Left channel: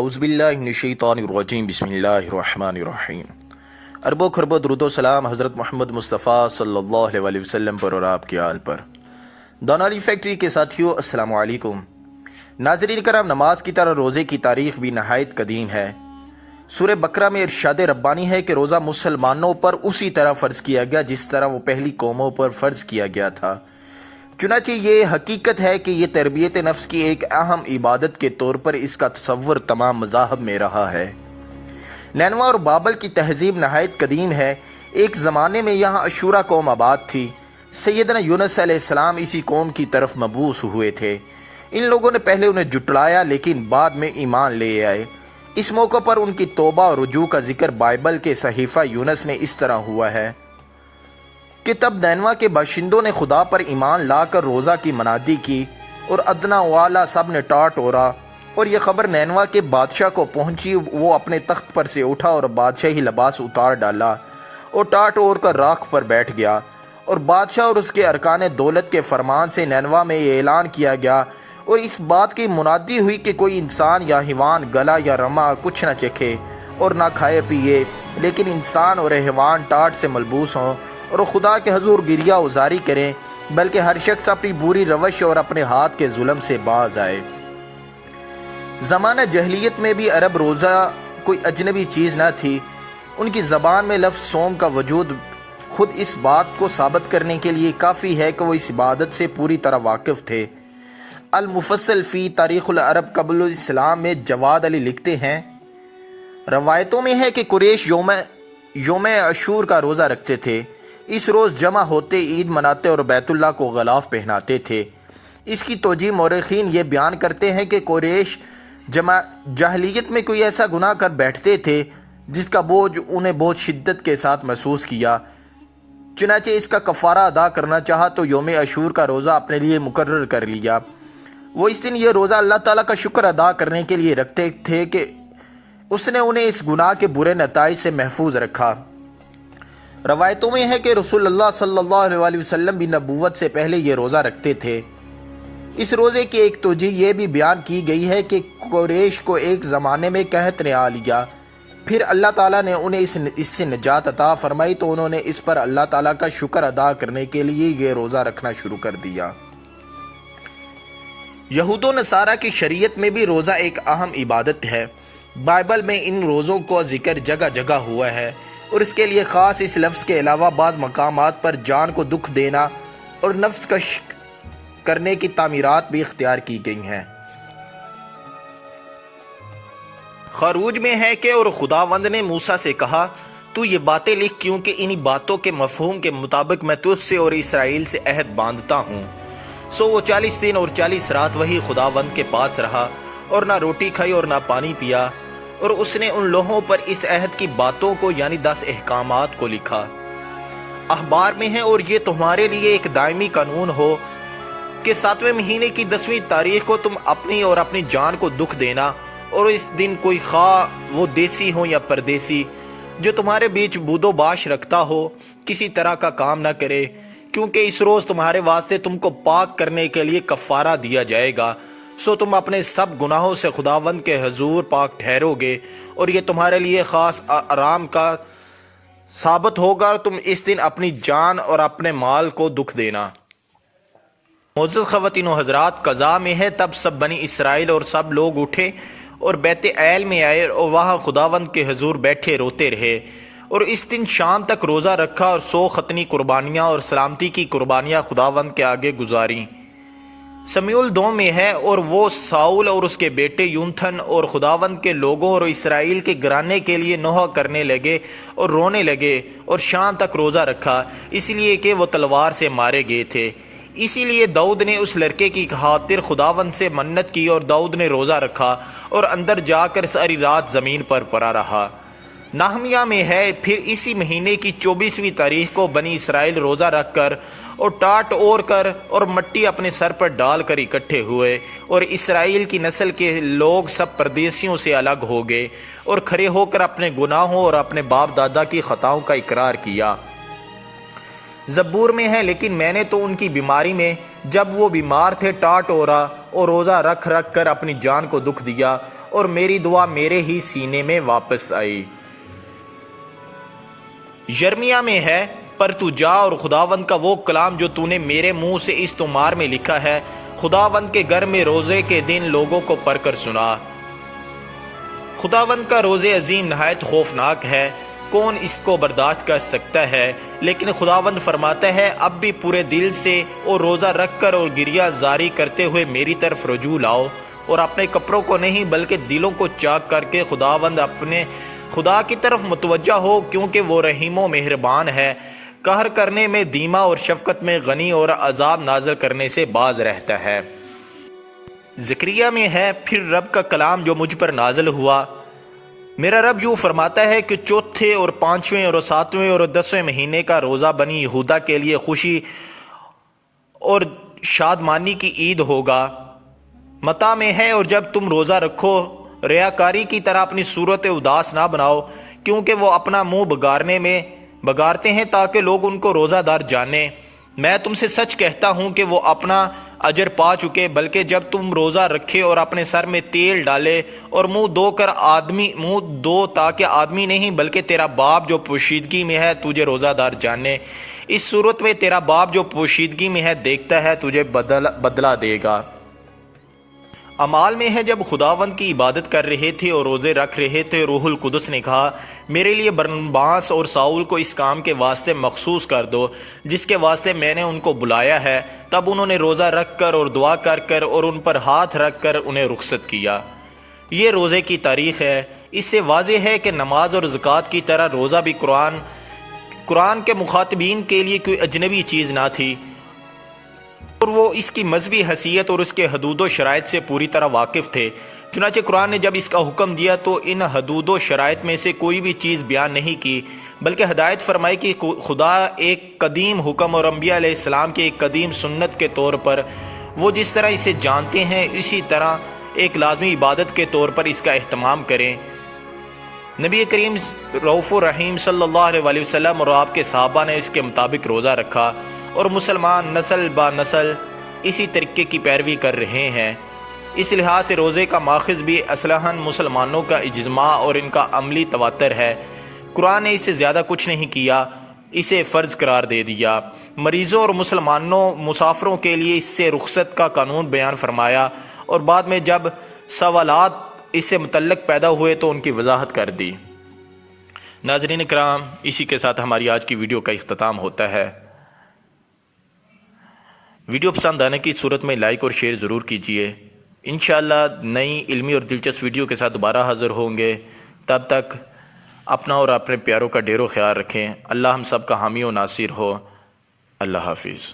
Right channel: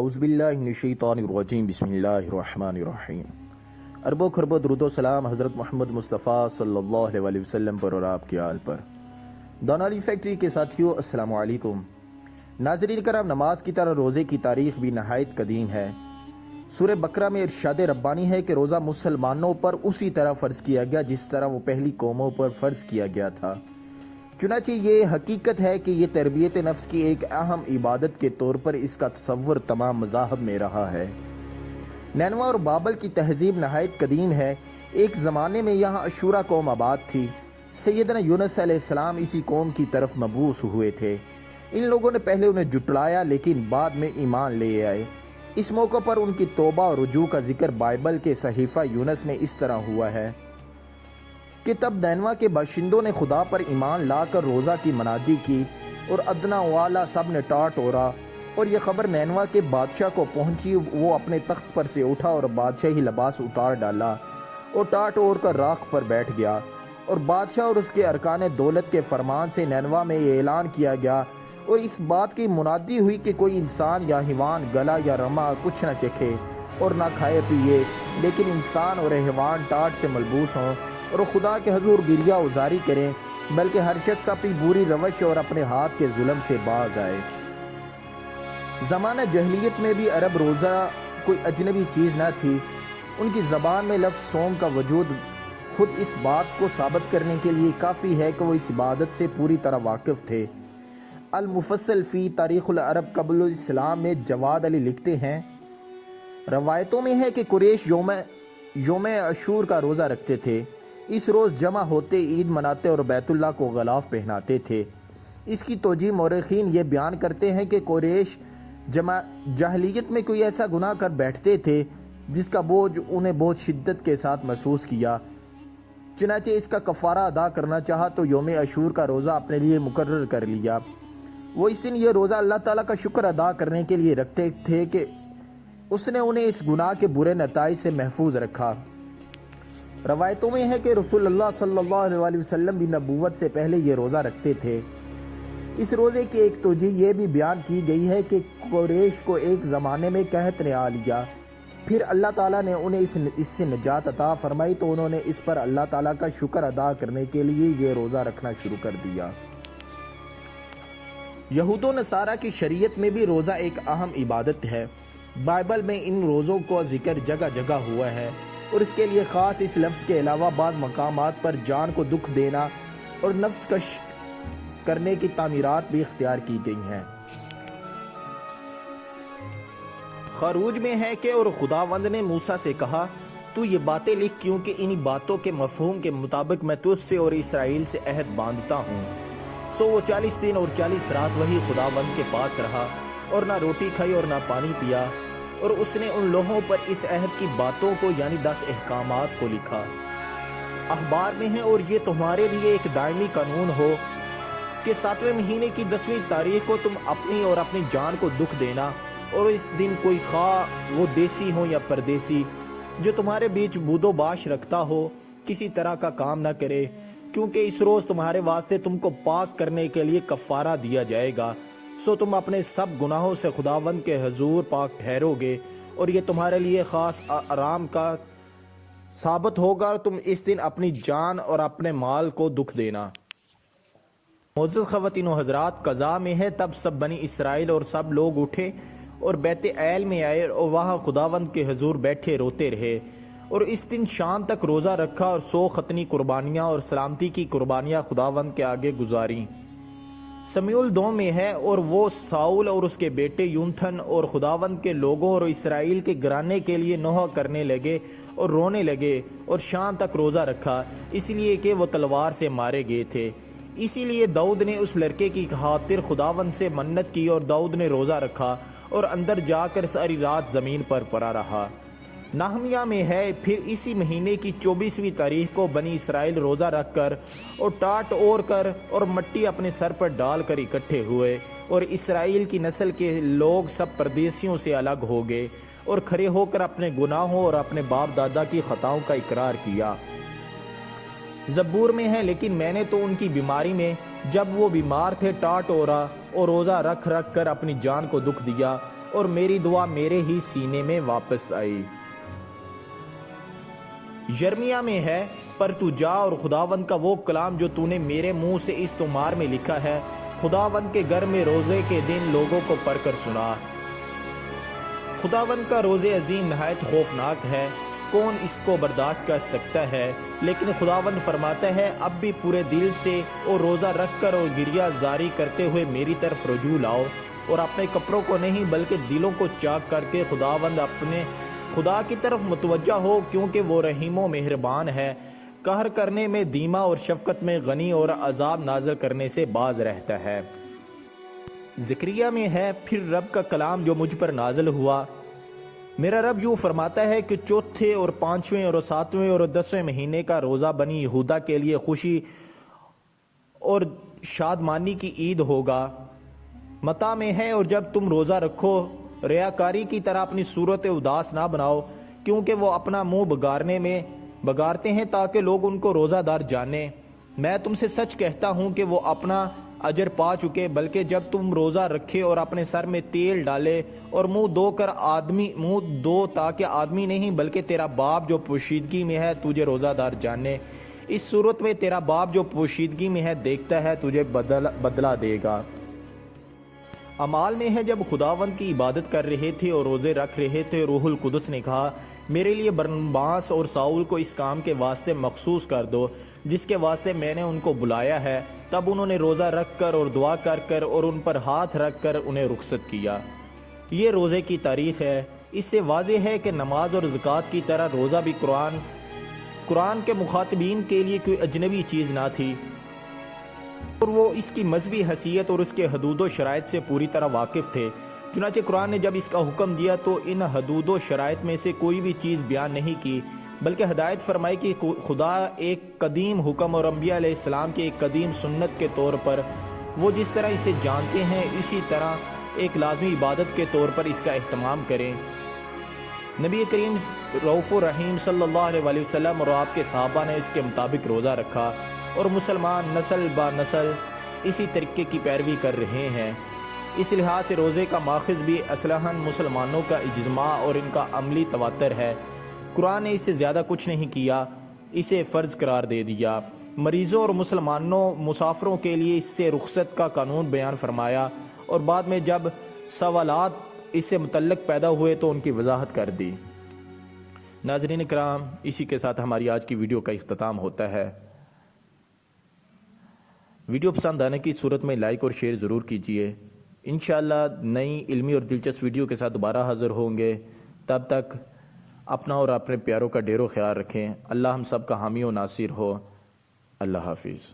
اعوذ باللہ من الشیطان الرجیم بسم اللہ الرحمن الرحیم۔ ارب و خرب و درود و سلام حضرت محمد مصطفیٰ صلی اللہ علیہ وسلم پر اور آپ کے آل پر۔ دونالی فیکٹری کے ساتھیوں السلام علیکم۔ ناظرین کرام، نماز کی طرح روزے کی تاریخ بھی نہایت قدیم ہے۔ سورہ بقرہ میں ارشاد ربانی ہے کہ روزہ مسلمانوں پر اسی طرح فرض کیا گیا جس طرح وہ پہلی قوموں پر فرض کیا گیا تھا۔ چنانچہ یہ حقیقت ہے کہ یہ تربیت نفس کی ایک اہم عبادت کے طور پر اس کا تصور تمام مذاہب میں رہا ہے۔ نینوا اور بابل کی تہذیب نہایت قدیم ہے۔ ایک زمانے میں یہاں اشورا قوم آباد تھی۔ سیدنا یونس علیہ السلام اسی قوم کی طرف مبعوث ہوئے تھے۔ ان لوگوں نے پہلے انہیں جھٹلایا لیکن بعد میں ایمان لے آئے۔ اس موقع پر ان کی توبہ اور رجوع کا ذکر بائبل کے صحیفہ یونس میں اس طرح ہوا ہے کہ تب نینوا کے باشندوں نے خدا پر ایمان لا کر روزہ کی منادی کی اور ادنا والا سب نے ٹاٹ اوڑا، اور یہ خبر نینوا کے بادشاہ کو پہنچی۔ وہ اپنے تخت پر سے اٹھا اور بادشاہی لباس اتار ڈالا اور ٹاٹ اوڑ کر راکھ پر بیٹھ گیا، اور بادشاہ اور اس کے ارکان دولت کے فرمان سے نینوا میں یہ اعلان کیا گیا اور اس بات کی منادی ہوئی کہ کوئی انسان یا حیوان گلا یا رما کچھ نہ چکھے اور نہ کھائے پیے، لیکن انسان اور حیوان ٹاٹ سے ملبوس ہوں اور خدا کے حضور گریہ ازاری کریں، بلکہ ہر شخص اپنی بری روش اور اپنے ہاتھ کے ظلم سے باز آئے۔ زمانہ جہلیت میں بھی عرب روزہ کوئی اجنبی چیز نہ تھی۔ ان کی زبان میں لفظ صوم کا وجود خود اس بات کو ثابت کرنے کے لیے کافی ہے کہ وہ اس عبادت سے پوری طرح واقف تھے۔ المفصل فی تاریخ العرب قبل الاسلام میں جواد علی لکھتے ہیں، روایتوں میں ہے کہ قریش یوم عاشور کا روزہ رکھتے تھے۔ اس روز جمع ہوتے، عید مناتے اور بیت اللہ کو غلاف پہناتے تھے۔ اس کی توجیہ مورخین یہ بیان کرتے ہیں کہ قریش جاہلیت میں کوئی ایسا گناہ کر بیٹھتے تھے جس کا بوجھ انہیں بہت شدت کے ساتھ محسوس کیا، چنانچہ اس کا کفارہ ادا کرنا چاہا تو یوم عاشور کا روزہ اپنے لیے مقرر کر لیا۔ وہ اس دن یہ روزہ اللہ تعالیٰ کا شکر ادا کرنے کے لیے رکھتے تھے کہ اس نے انہیں اس گناہ کے برے نتائج سے محفوظ رکھا۔ روایتوں میں ہے کہ رسول اللہ صلی اللہ علیہ وسلم بھی نبوت سے پہلے یہ روزہ رکھتے تھے۔ اس روزے کی ایک توجیہ یہ بھی بیان کی گئی ہے کہ قریش کو ایک زمانے میں قحط نے آ لیا، پھر اللہ تعالیٰ نے انہیں اس سے نجات عطا فرمائی تو انہوں نے اس پر اللہ تعالیٰ کا شکر ادا کرنے کے لیے یہ روزہ رکھنا شروع کر دیا۔ یہود و نصارہ کی شریعت میں بھی روزہ ایک اہم عبادت ہے۔ بائبل میں ان روزوں کا ذکر جگہ جگہ ہوا ہے، اور اس کے لیے خاص اس لفظ کے علاوہ بعض مقامات پر جان کو دکھ دینا اور نفس کش کرنے کی تعمیرات بھی اختیار کی گئی ہیں۔ خروج میں ہے کہ اور خداوند نے موسیٰ سے کہا، تو یہ باتیں لکھ کیونکہ انہی باتوں کے مفہوم کے مطابق میں تجھ سے اور اسرائیل سے عہد باندھتا ہوں۔ سو وہ 40 دن اور 40 رات وہی خداوند کے پاس رہا اور نہ روٹی کھائی اور نہ پانی پیا، اور اس نے ان لوہوں پر اس عہد کی باتوں کو یعنی 10 احکامات کو لکھا۔ اخبار میں ہے، اور یہ تمہارے لیے ایک دائمی قانون ہو کہ 7ویں مہینے کی 10ویں تاریخ کو تم اپنی اور اپنی جان کو دکھ دینا، اور اس دن کوئی خواہ وہ دیسی ہو یا پردیسی جو تمہارے بیچ بود و باش رکھتا ہو کسی طرح کا کام نہ کرے، کیونکہ اس روز تمہارے واسطے تم کو پاک کرنے کے لیے کفارہ دیا جائے گا۔ سو تم اپنے سب گناہوں سے خداوند کے حضور پاک ٹھہرو گے، اور یہ تمہارے لیے خاص آرام کا ثابت ہوگا۔ تم اس دن اپنی جان اور اپنے مال کو دکھ دینا۔ معزز خواتین و حضرات، قضاء میں ہے تب سب بنی اسرائیل اور سب لوگ اٹھے اور بیت ایل میں آئے اور وہاں خداوند کے حضور بیٹھے روتے رہے، اور اس دن شام تک روزہ رکھا اور 100 ختنی قربانیاں اور سلامتی کی قربانیاں خداوند کے آگے گزاریں۔ سمیعول 2 میں ہے، اور وہ ساؤل اور اس کے بیٹے یونتھن اور خداوند کے لوگوں اور اسرائیل کے گھرانے کے لیے نوحہ کرنے لگے اور رونے لگے اور شام تک روزہ رکھا، اس لیے کہ وہ تلوار سے مارے گئے تھے۔ اسی لیے داؤد نے اس لڑکے کی خاطر خداوند سے منت کی، اور داؤد نے روزہ رکھا اور اندر جا کر ساری رات زمین پر پڑا رہا۔ نہمیہ میں ہے، پھر اسی مہینے کی 24ویں تاریخ کو بنی اسرائیل روزہ رکھ کر اور ٹاٹ اوڑھ کر اور مٹی اپنے سر پر ڈال کر اکٹھے ہوئے، اور اسرائیل کی نسل کے لوگ سب پردیسیوں سے الگ ہو گئے اور کھڑے ہو کر اپنے گناہوں اور اپنے باپ دادا کی خطاؤں کا اقرار کیا۔ زبور میں ہے، لیکن میں نے تو ان کی بیماری میں جب وہ بیمار تھے ٹاٹ اوڑھا اور روزہ رکھ کر اپنی جان کو دکھ دیا، اور میری دعا میرے ہی سینے میں واپس آئی۔ یرمیہ میں ہے، پر تو جا اور خداوند کا وہ کلام جو تو نے میرے منہ سے اس تمار میں لکھا ہے، خداوند کے گھر میں روزے کے دن لوگوں کو پڑھ کر سنا۔ خداوند کا روزے عظیم نہایت خوفناک ہے، کون اس کو برداشت کر سکتا ہے؟ لیکن خداوند فرماتا ہے، اب بھی پورے دل سے اور روزہ رکھ کر اور گریہ زاری کرتے ہوئے میری طرف رجوع لاؤ، اور اپنے کپڑوں کو نہیں بلکہ دلوں کو چاک کر کے خداوند اپنے خدا کی طرف متوجہ ہو، کیونکہ وہ رحیم و مہربان ہے، قہر کرنے میں دھیما اور شفقت میں غنی، اور عذاب نازل کرنے سے باز رہتا ہے۔ زکریا میں ہے، پھر رب کا کلام جو مجھ پر نازل ہوا، میرا رب یوں فرماتا ہے کہ چوتھے اور پانچویں اور ساتویں اور 10ویں مہینے کا روزہ بنی یہودا کے لیے خوشی اور شادمانی کی عید ہوگا۔ متا میں ہے، اور جب تم روزہ رکھو ریاکاری کی طرح اپنی صورت اداس نہ بناؤ، کیونکہ وہ اپنا منہ بگارتے ہیں تاکہ لوگ ان کو روزہ دار جانیں۔ میں تم سے سچ کہتا ہوں کہ وہ اپنا اجر پا چکے، بلکہ جب تم روزہ رکھے اور اپنے سر میں تیل ڈالے اور منہ دو تاکہ آدمی نہیں بلکہ تیرا باپ جو پوشیدگی میں ہے تجھے روزہ دار جانے، اس صورت میں تیرا باپ جو پوشیدگی میں ہے دیکھتا ہے تجھے بدلہ دے گا۔ اعمال میں ہے، جب خداوند کی عبادت کر رہے تھے اور روزے رکھ رہے تھے، روح القدس نے کہا، میرے لیے برنباس اور ساؤل کو اس کام کے واسطے مخصوص کر دو جس کے واسطے میں نے ان کو بلایا ہے۔ تب انہوں نے روزہ رکھ کر اور دعا کر کر اور ان پر ہاتھ رکھ کر انہیں رخصت کیا۔ یہ روزے کی تاریخ ہے۔ اس سے واضح ہے کہ نماز اور زکوٰۃ کی طرح روزہ بھی قرآن کے مخاطبین کے لیے کوئی اجنبی چیز نہ تھی، اور وہ اس کی مذہبی حیثیت اور اس کے حدود و شرائط سے پوری طرح واقف تھے۔ چنانچہ قرآن نے جب اس کا حکم دیا تو ان حدود و شرائط میں سے کوئی بھی چیز بیان نہیں کی، بلکہ ہدایت فرمائی کہ خدا ایک قدیم حکم اور انبیاء علیہ السلام کی ایک قدیم سنت کے طور پر وہ جس طرح اسے جانتے ہیں اسی طرح ایک لازمی عبادت کے طور پر اس کا اہتمام کریں۔ نبی کریم رؤوف الرحیم صلی اللہ علیہ وسلم اور آپ کے صحابہ نے اس کے مطابق روزہ رکھا، اور مسلمان نسل با نسل اسی طریقے کی پیروی کر رہے ہیں۔ اس لحاظ سے روزے کا ماخذ بھی اصلاً مسلمانوں کا اجماع اور ان کا عملی تواتر ہے۔ قرآن نے اس سے زیادہ کچھ نہیں کیا، اسے فرض قرار دے دیا۔ مریضوں اور مسافروں کے لیے اس سے رخصت کا قانون بیان فرمایا، اور بعد میں جب سوالات اس سے متعلق پیدا ہوئے تو ان کی وضاحت کر دی۔ ناظرین کرام، اسی کے ساتھ ہماری آج کی ویڈیو کا اختتام ہوتا ہے۔ ویڈیو پسند آنے کی صورت میں لائک اور شیئر ضرور کیجیے۔ انشاءاللہ نئی علمی اور دلچسپ ویڈیو کے ساتھ دوبارہ حاضر ہوں گے۔ تب تک اپنا اور اپنے پیاروں کا ڈھیروں خیال رکھیں۔ اللہ ہم سب کا حامی و ناصر ہو۔ اللہ حافظ۔